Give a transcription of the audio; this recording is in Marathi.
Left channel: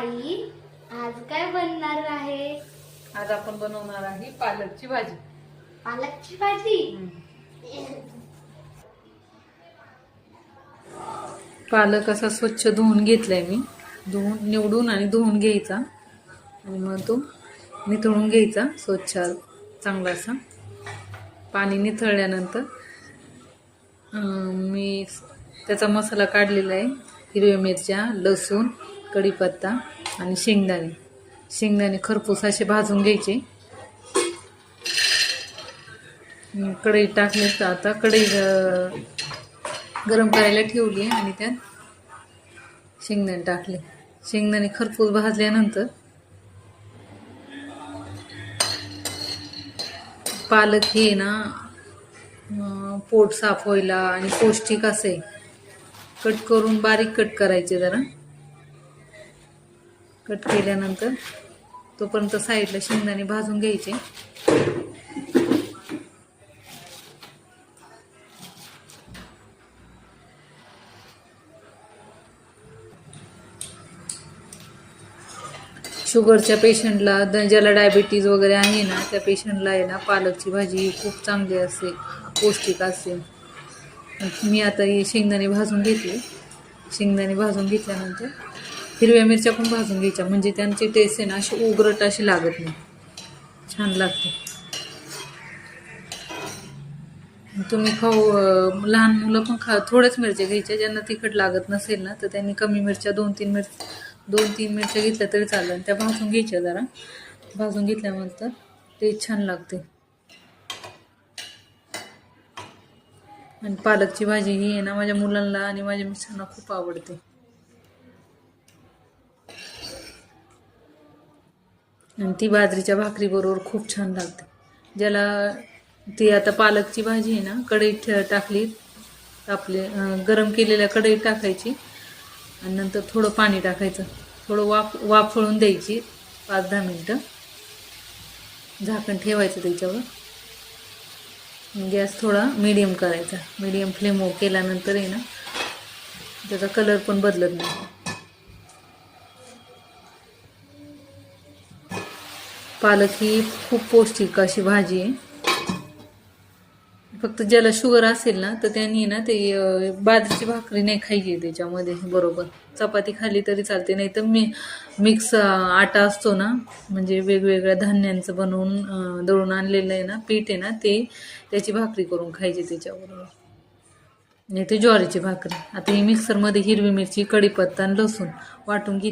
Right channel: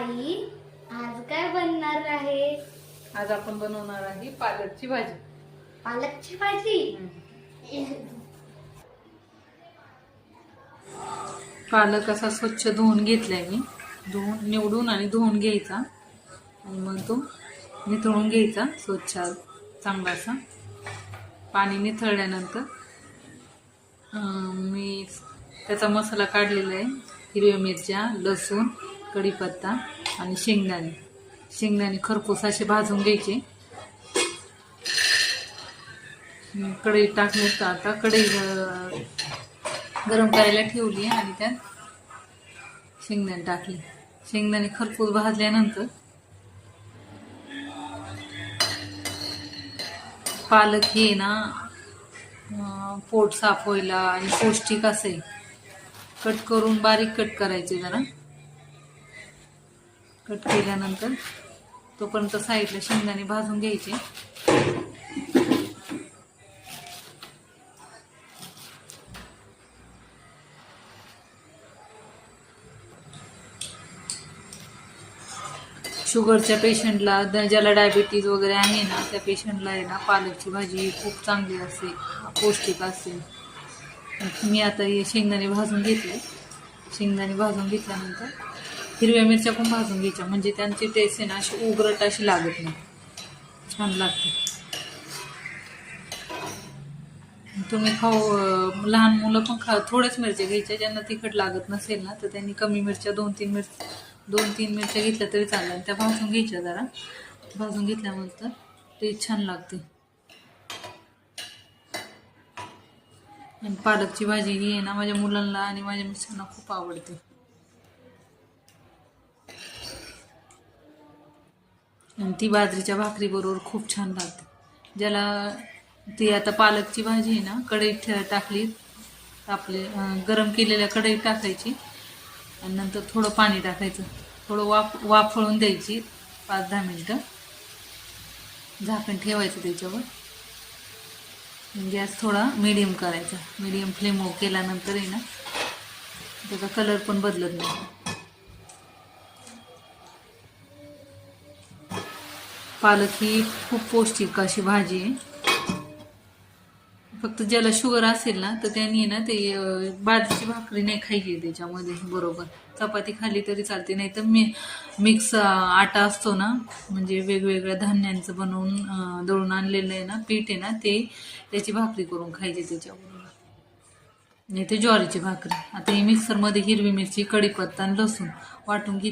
आई, आज काय बनणार आहे? आज आपण बनवणार आहे पालकची भाजी. पालकची भाजी. पालक असा स्वच्छ धुवून घेतलाय मी. निवडून आणि धुवून घ्यायचा आणि मग तो निथळून घ्यायचा स्वच्छ चांगला असा. पाणी निथळल्यानंतर मी त्याचा मसाला काढलेला आहे. हिरव्या मिरच्या, लसूण, कढीपत्ता आणि शेंगदाणे खरपूस असे भाजून घ्यायचे. कढई टाकली तर आता कढई गरम करायला ठेवली आणि त्यात शेंगदाणे टाकले. शेंगदाणे खरपूस भाजल्यानंतर पालक हे ना पोट साफ व्हायला आणि पौष्टिक असे कट करून बारीक कट करायचे. जरा कट केल्यानंतर तोपर्यंत साईडला शेंगदाणे भाजून घ्यायचे. शुगरच्या पेशंटला, ज्याला डायबिटीज वगैरे आहे ना, त्या पेशंटला आहे ना पालकची भाजी खूप चांगली असते, पौष्टिक असते. मी आता हे शेंगदाणे भाजून घेतले. शेंगदाणे भाजून घेतल्यानंतर हिरव्या मिरच्या पण भाजून घ्यायच्या, म्हणजे त्यांची टेस्ट आहे ना अशी उग्रट अशी लागत नाही, छान लागते. तुम्ही लहान मुलं पण थोड्याच मिरच्या घ्यायच्या. ज्यांना तिखट लागत नसेल ना तर त्यांनी कमी मिरच्या दोन तीन मिरच्या घेतल्या तरी चालेल. त्या भाजून घ्यायच्या. जरा भाजून घेतल्यानंतर टेस्ट छान लागते. आणि पालकची भाजी ही आहे ना माझ्या मुलांना आणि माझ्या मिस्टरांना खूप आवडते. आणि ती बाजरीच्या भाकरी बरोबर खूप छान लागते. ज्याला ती आता पालकची भाजी आहे ना कढईत टाकली, आपले गरम केलेल्या कढईत टाकायची आणि नंतर थोडं पाणी टाकायचं. थोडं वाफळून द्यायची 5-10 मिनटं. झाकण ठेवायचं त्याच्यावर. गॅस थोडा मीडियम करायचा. मीडियम फ्लेम केल्यानंतर आहे ना त्याचा कलर पण बदलत नाही. पालक ही खूप पौष्टिक अशी भाजी आहे. फक्त ज्याला शुगर असेल ना तर त्यांनी ना ते बाजरीची भाकरी नाही खायची त्याच्यामध्ये बरोबर. चपाती खाली तरी चालते, नाही तर मिक्स आटा असतो ना, म्हणजे वेगवेगळ्या धान्यांचं बनवून दळून आणलेलं आहे ना पीठ आहे ना, ते त्याची भाकरी करून खायची त्याच्याबरोबर, नाही ते ज्वारीची भाकरी. आता ही मिक्सरमध्ये हिरवी मिरची, कढीपत्ता आणि लसूण वाटून घेतली.